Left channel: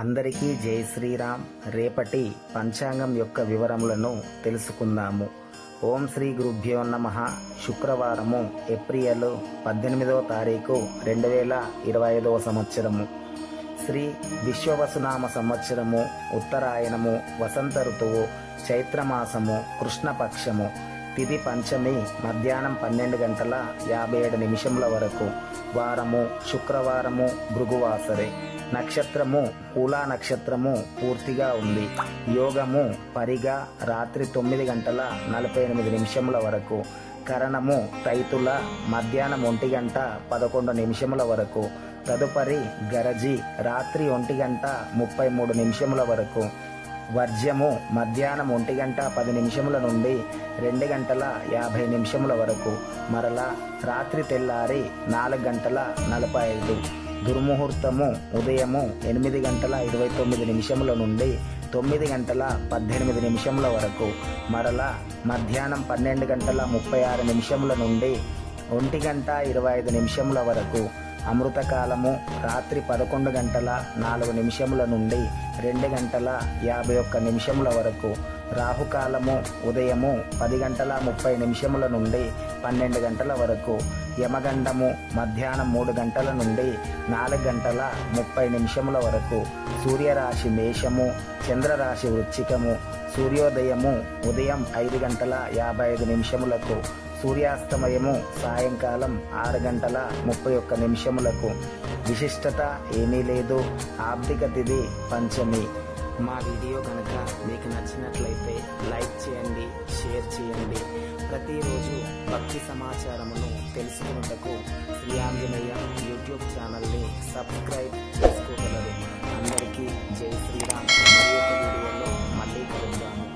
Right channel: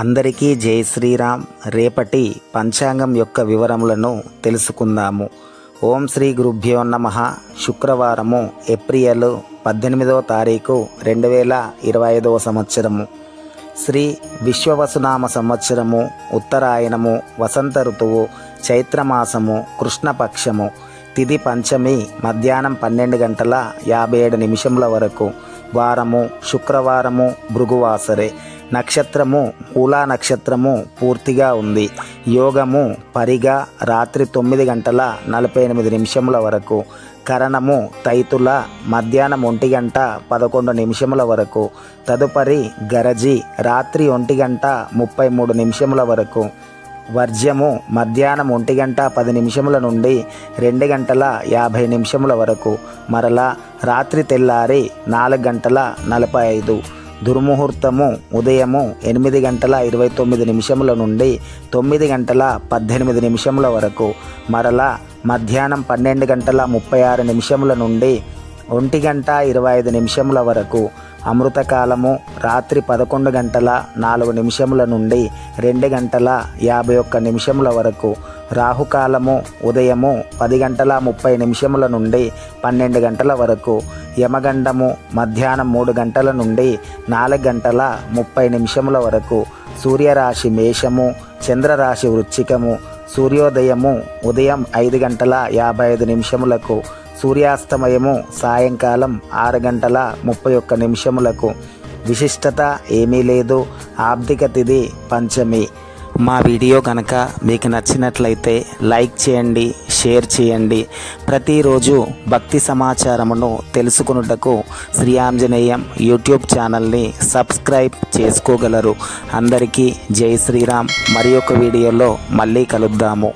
అందరికీ జై శ్రీరామ్. రేపటి పంచాంగం యొక్క వివరములను తెలుసుకుందాము. ఓం శ్రీ గురుభ్యో నమః. శుక్రవారము ఏప్రిల్ 18వ తారీఖు 2025 సంవత్సరము. శ్రీ విశ్వవసునామ సంవత్సరము, ఉత్తరాయణము, వసంత ఋతువు, చైత్రమాసము, కృష్ణపక్షము. తిథి పంచమి, మధ్యాహ్నం 12:57 వరకు. వారము శుక్రవారము, భృగువాసరే. నక్షత్రము మూలా నక్షత్రము పూర్తిగా ఉంది. యోగము పరిగా రాత్రి 9:48 వరకు. కరణము తైతుల మధ్యాహ్నం 1:11 వరకు. తదుపరి గరజి రాత్రి 1:33 వరకు. వర్జ్యము మధ్యాహ్నం 1:10 నుండి 2:50 వరకు. మరలా రాత్రి తెల్లారి 4:45. దుర్ముహూర్తము ఉదయము 8:29 నుండి 9:18 వరకు. మరలా మధ్యాహ్నం 12:36 నుండి 1:25 వరకు. అమృతకాలము రాత్రి 11:04 నుండి 2:51 వరకు. రాహుకాలము ఉదయము 10:30 నుండి 12 వరకు. యమగండము మధ్యాహ్నం 3 నుండి 4:30 వరకు. సూర్యరాశి మేషము, చంద్రరాశి వృశ్చికము. సూర్యోదయము ఉదయం 5:55. సూర్యాస్తమయము సాయంకాలం 6:31. విశిష్టత ఏమీ లేదు. ఆబ్దిక తిథి పంచమి. మా వీడియో కనుక మీకు నచ్చినట్లయితే లైక్ చేయండి, షేర్ చేయండి. ప్రతిరోజు భక్తి సమాచారమును తెలుసుకొనుటకు శ్రీ ఆంజనేయం యూట్యూబ్ ఛానల్ని సబ్స్క్రైబ్ చేసుకోగలరు. అందరికీ జై శ్రీరామ్. మరి ఒక వీడియోలో మళ్ళీ కలుద్దాము.